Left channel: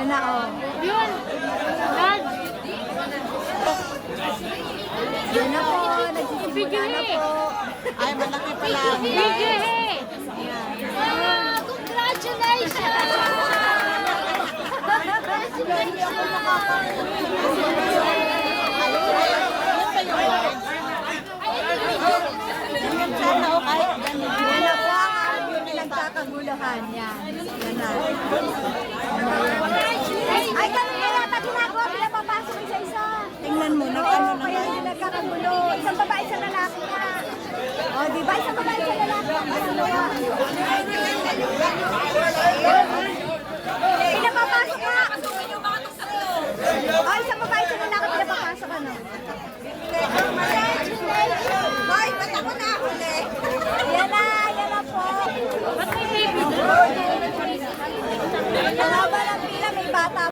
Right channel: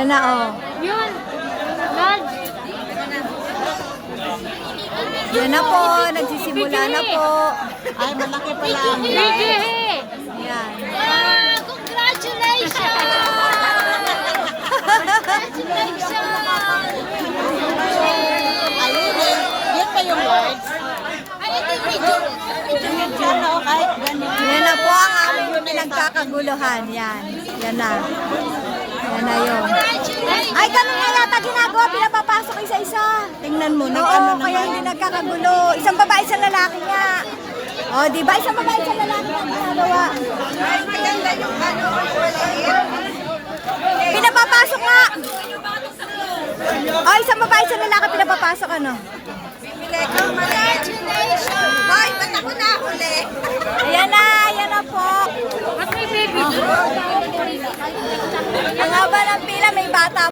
Yan na, oh. Yun. God. Yan na po, nagsisimula na po. Ay, malaki pala ang Bighe. Yan. Congratulations! Yan ba yung words? Sana o kahit ganito. Yan na po ang aming pinagkakaguluhan. Yan. Yan na. Yan na yun. Ay, ganun nga yata ginagawa. Pinapapasok isa-isa. Tingnan mo, nang ano naman. Kaya hindi nagkakagulo. Isang babae, isang lalaki nga. O, di ba? Isang babae, isang lalaki. Pinapapasok nga. O, isang babae, isang lalaki. Pinapapasok ano. Hoy, ba't ako nahuli? Yan na po. At may baby. Ang haba ng pila, may bata